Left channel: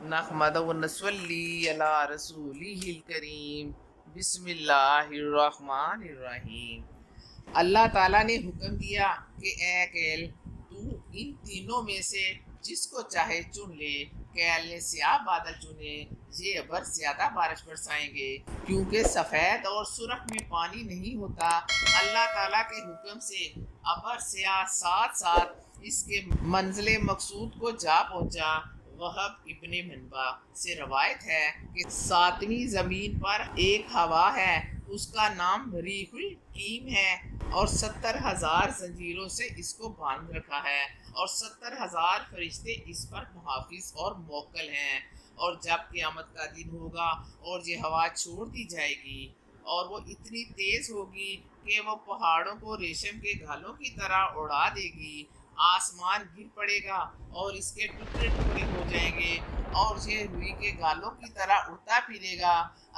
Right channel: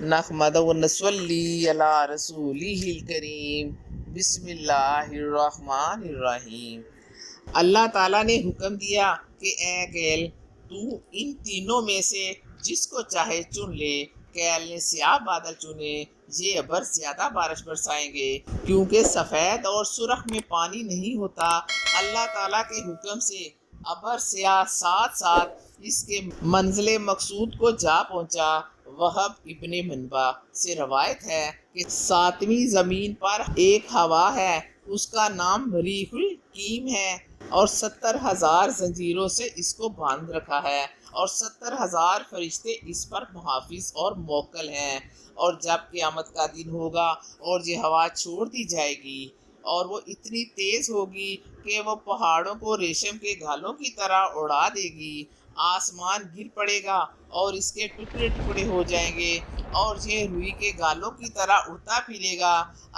نحمد و نصلی علی رسولہ الکریم، بسم اللہ الرحمن الرحیم۔ اللہ تعالیٰ نے حکم دیا کہ اے کیل تو ان تینوں میں سے جس کو چاہے چن لے۔ کیل نے سیاہ بادل چنے، یہ ابر زیادہ بارش برسائیں گے، کیونکہ سفید اور سرخ میں پانی نہیں ہوتا۔ اللہ تعالیٰ کے حکم سے ابر سیاہ ساتھ ساتھ اس کے منزل مقصود کو جا پہنچا۔ وہب ابن منبع سے روایت ہے کہ ساتویں زمین پر ایک ہوا ہے، اس کا نام ریح القیم ہے، اور 70,000 زنجیروں سے اس کو باندھ رکھا ہے، اور 70,000 فرشتے اس پر محافظ اور موکل ہیں۔ اور جب قیامت کا دن ہوگا اور یہ ہوا چھوڑ دی جائے گی اور وہ اتنی تیز ہوگی کہ وہ پہاڑوں کو ریشم کے گھالوں کی طرح اڑا دے گی، آسمان گر پڑے گا اور اس کے ٹکڑے ٹکڑے ہو جائیں گے، اور یہ روئی کے گالوں کی طرح اڑتا پھرے گا۔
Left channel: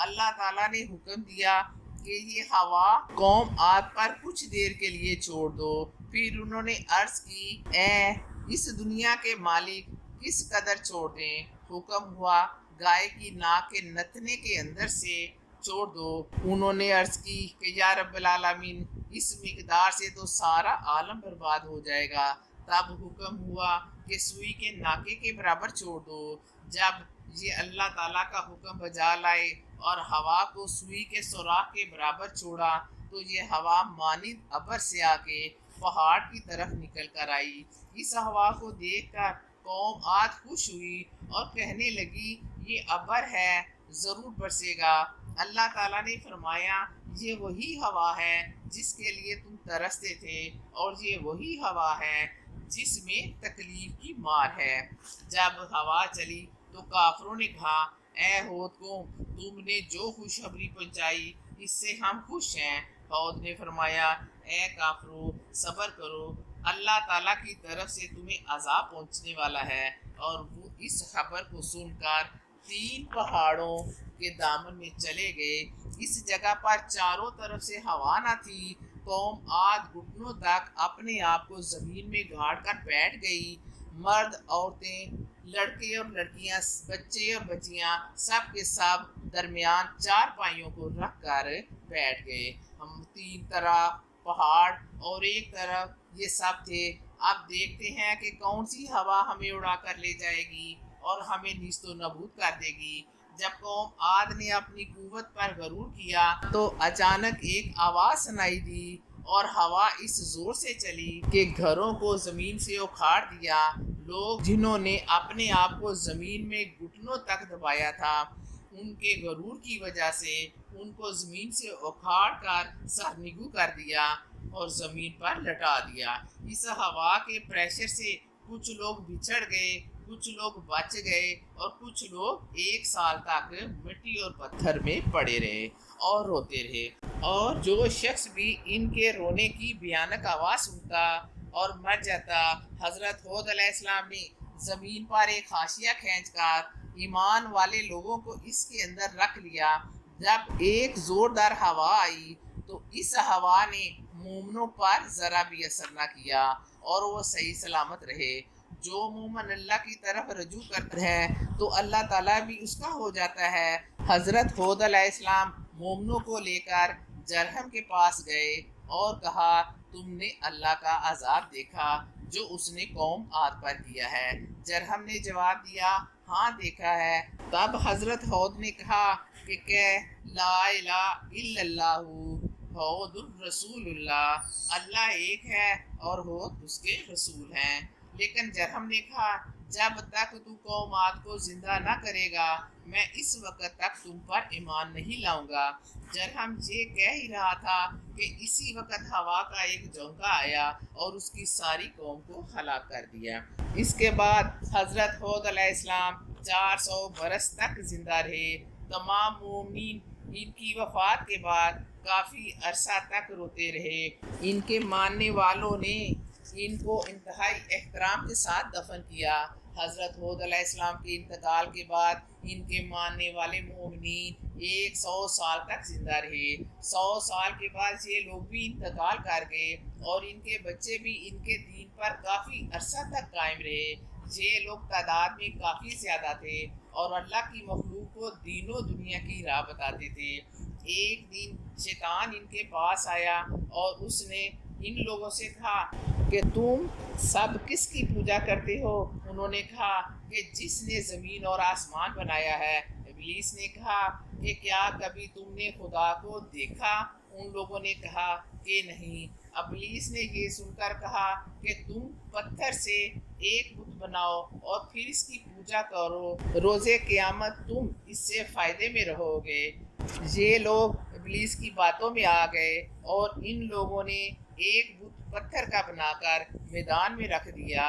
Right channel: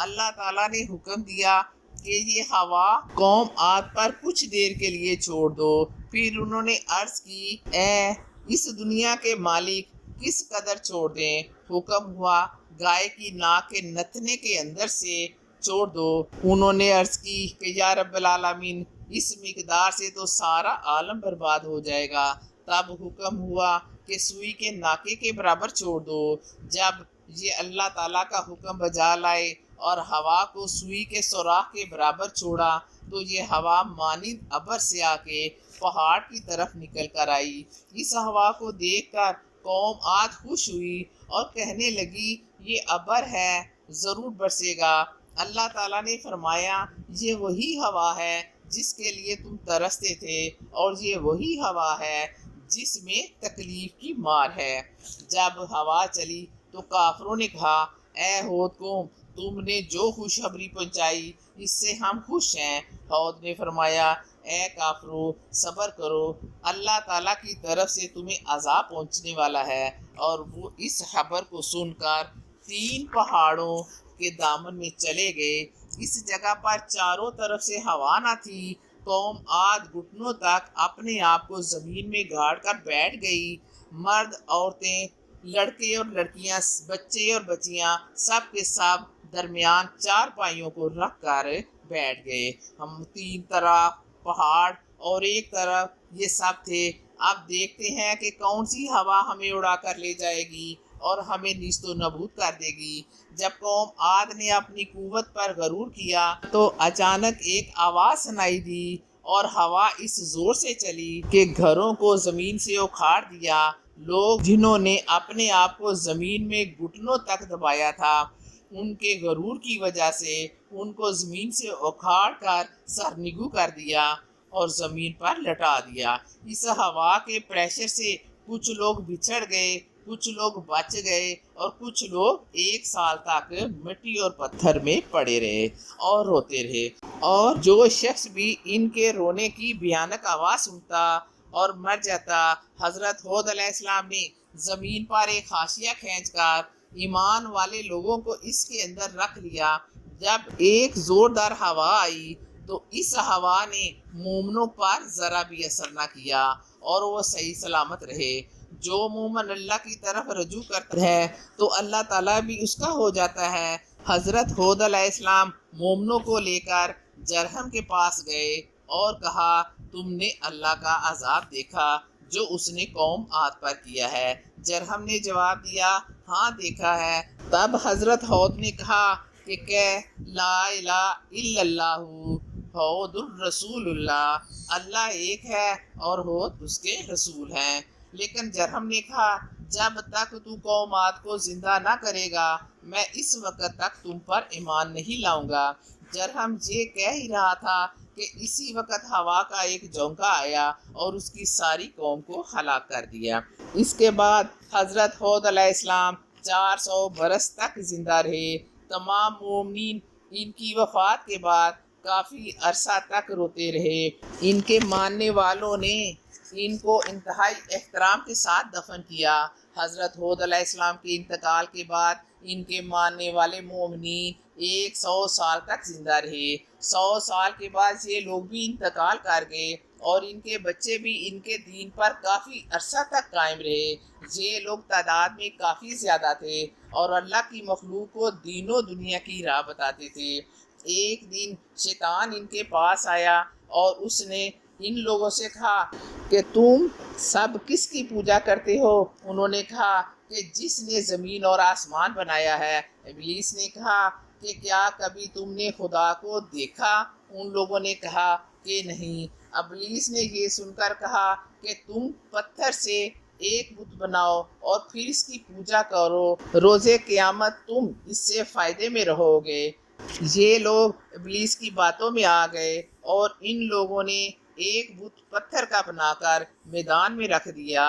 اللہ تعالیٰ نے حکم دیا کہ یہ ہوا قوم عاد پر کچھ دیر کے لیے چھوڑ دو۔ پھر انہوں نے عرض کی، اے اس دنیا کے مالک، کس قدر چھوڑ دیں؟ حکم ہوا، گائے کی ناک کے نتنے کے اندر سے چھوڑ دو۔ انہوں نے عرض کی کہ یا رب العالمین، اس مقدار سے تو سارا عالم برباد ہو جائے گا۔ تب حکم ہوا کہ سوئی کے ناکے کے برابر چھوڑ دو۔ جب یہ اللہ تعالیٰ کا حکم بجا لائے اور ہوا کو سوئی کے سوراخ کے برابر چھوڑا تو یہ ہوا مانند ابر سیاہ کے پہاڑ کی طرف نکل کر آئی۔ اس ہوا کو دیکھ کر قوم عاد خوش ہوئی اور کہنے لگی، یہ ابر ہے، ضرور برسے گا۔ اللہ تعالیٰ نے فرمایا، یہ وہی ہوا ہے جس کے لیے تم ترستے تھے، اور یہ وہی ہوا ہے جس میں تکلیف کی مار ہے۔ جب ہوا چلی تو کافروں نے کہا، اے ہود قوم، تم نے جو خوشخبری پہنچائی اس سے ہم خوش ہیں۔ ہود نے فرمایا، اے کافرو، صبر کرو، اللہ تعالیٰ کی طرف سے تمہیں عذاب پہنچنے والا ہے۔ اور وہ اس خبر کو سن کر 3 پہاڑوں کے دامن میں چلے گئے۔ اس جگہ پر چاروں طرف سے ہوا نہ تھی۔ قوم عاد گھٹنوں تک اپنے آپ کو زمین میں گاڑ کر بیٹھ گئی۔ مرد، عورتیں، لڑکے اور لڑکیاں، بچے اور بچیاں، سب کے سب درمیان 4 پائیوں کو رکھ کر بیٹھ گئے۔ ہم 3 طرف پہاڑ اور ایک طرف یہ سب تھے۔ اب دیکھتے ہیں کہ کون سی ہوا ہمیں اڑا کر لے جائے گی اور ہمیں نیست و نابود کر دے گی۔ جب قوم عاد نے اپنی قوت پر غرور کیا تو اچانک ایک آواز سنائی دی، اور ہوا اس زور سے چلی کہ گھروں کو زمین سے اکھاڑ دیا۔ لوگ جنہوں نے اپنے آپ کو زمین میں گھٹنوں تک دبایا تھا، ان کے غرور کی وجہ سے ان کو زمین سے اکھاڑ کر سرنگو کر دیا اور زمین پر لٹا دیا۔ اس ہوا کے پریشر سے کچھ لوگ بچھڑ گئے، کچھ لوگ بچ گئے، اور کچھ لوگ 1 سال تک مٹی اور پتھر میں پڑے رہے اور روتے رہے۔ اور جو شخص بھی ان کے رونے کی بھیانک آواز سنتا اور مر جاتا۔ حضرت ہود علیہ السلام نے زمین پر ایک حاشیہ کھینچ کر ایمان والے لوگوں کو اس کے اندر رکھ لیا۔ جب ایک زوردار ہوا آئی تو اس ہوا نے مومنوں پر ذرا بھی اثر نہ کیا اور وہ صحیح سلامت رہے۔ جو مومن اللہ کی طرف رجوع کرتا ہے تو اللہ تعالیٰ بھی اس کا ہو جاتا ہے۔ حضرت ہود علیہ السلام مومنوں کو لے کر جرہم کے پاس گئے اور کہا، تم نے اللہ کا عذاب دیکھا جو اس نے قوم عاد پر کیا ہے؟ جرہم نے جواب دیا، ہاں دیکھا ہے۔ تب حضرت ہود نے کہا کہ لا الہ الا اللہ ہود الرسول اللہ، اللہ ایک ہے اور ہود اس کے رسول ہیں۔ لیکن جرہم نے کہا، جب تک تو قوم عاد کو زندہ نہ کرے گا میں اس وقت تک تم پر ایمان نہیں لاؤں گا۔ جرہم یہ کہہ ہی رہا تھا کہ اسی وقت ہوا کا ایک جھونکا آیا اور اس کی ساری قوم کو ہلاک کر دیا۔ اس کے بعد حضرت ہود علیہ السلام 400 برس تک زندہ رہے۔ تمام مومنین ان کی وفات کے بعد کافی عرصہ تک روتے رہے۔ ان کے ماننے والوں نے ان کو انتہائی احترام کے ساتھ دفن کیا۔ حضرت ہود علیہ السلام کے انتقال کے بعد ان کے ماننے والے مومنین 100 سال تک زندہ رہے۔ 100 سال کے بعد یہ لوگ بھی انتقال کر گئے اور ان کے بچے بھی ان کے دین پر کافی عرصہ تک قائم رہے۔ یہ لوگ تعداد میں کافی زیادہ تھے اور اللہ کی مخلوق کو دین و دنیا کی راہ بتاتے تھے۔ ایک دن شیطان ان کے پاس آیا اور اس نے ان لوگوں سے کہا کہ تم سب کس کی پوجا کرتے ہو؟ انہوں نے کہا کہ جس نے زمین اور آسمان بنایا ہے۔ ابلیس نے کہا کہ کیا کبھی تم نے خدا کو دیکھا؟ ان لوگوں نے کہا کہ نہیں۔ ابلیس نے یہ سن کر کہا کہ تم پتھر سے ایک بت بناؤ اور پھر اس کی پوجا کرو، روز قیامت تم اس سے فائدے میں رہو گے۔ یہ لوگ ابلیس کی باتوں میں آ گئے اور ان لوگوں نے ایک بت پتھر کا بنا کر میدان میں رکھ دیا۔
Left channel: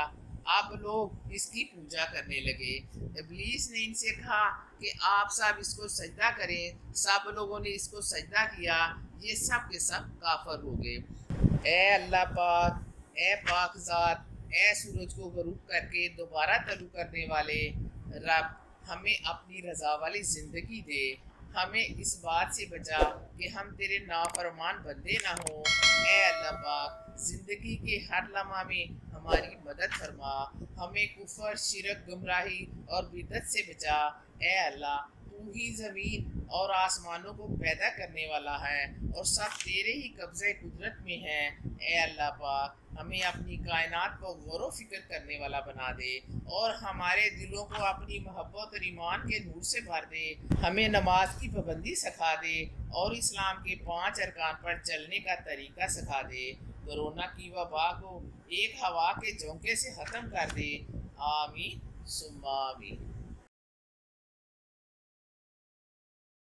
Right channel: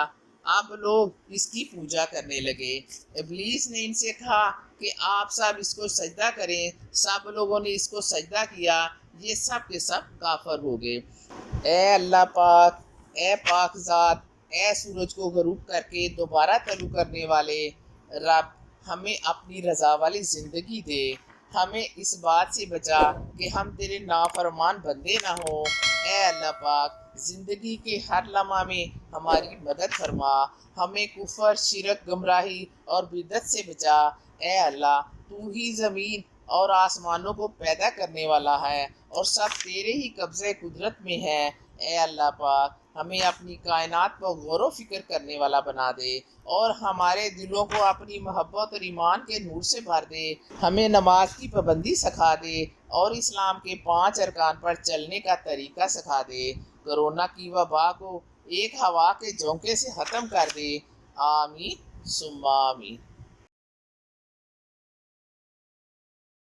اب لوگ اس کی پوجا کرنے لگے۔ ابلیس نے ان سے کہا کہ آپ سب اس کو سجدہ کریں۔ سب لوگوں نے اس کو سجدہ کیا۔ یہ سب کے سب کافر ہو گئے۔ اے اللہ پاک، اے پاک ذات، اے سورج کو غروب کر کے دوبارہ طلوع کرنے والے رب، ہمیں اپنی رضا والی زندگی دے۔ ہمیں اس بات سے بچا کہ ہم تیرے نافرمان بندے نہ ہوں۔ اے اللہ پاک، زندگی کے ہر لمحہ میں ہماری مدد فرما۔ ہمیں کفر، شرک، گمراہی اور بدعت سے بچا۔ اے اللہ، تو ہی زمین اور آسمانوں کو پیدا کرنے والا ہے اور سب تیرے ہی قبضہ قدرت میں ہے۔ اے اللہ پاک، ہمیں اپنی کائنات کو غور و فکر کرنے والا بنا دے اور ہمارے دلوں کو اپنی محبت اور ایمان کے نور سے بھر دے۔ ہمیں نماز کی پابندی سکھا دے اور اسلام کے 5 ارکان پر چلنے کا طریقہ سکھا دے۔ کرونا کی وبا کو ایک ہوا کے جھونکے سے ختم کر دے۔ آمین ثم آمین۔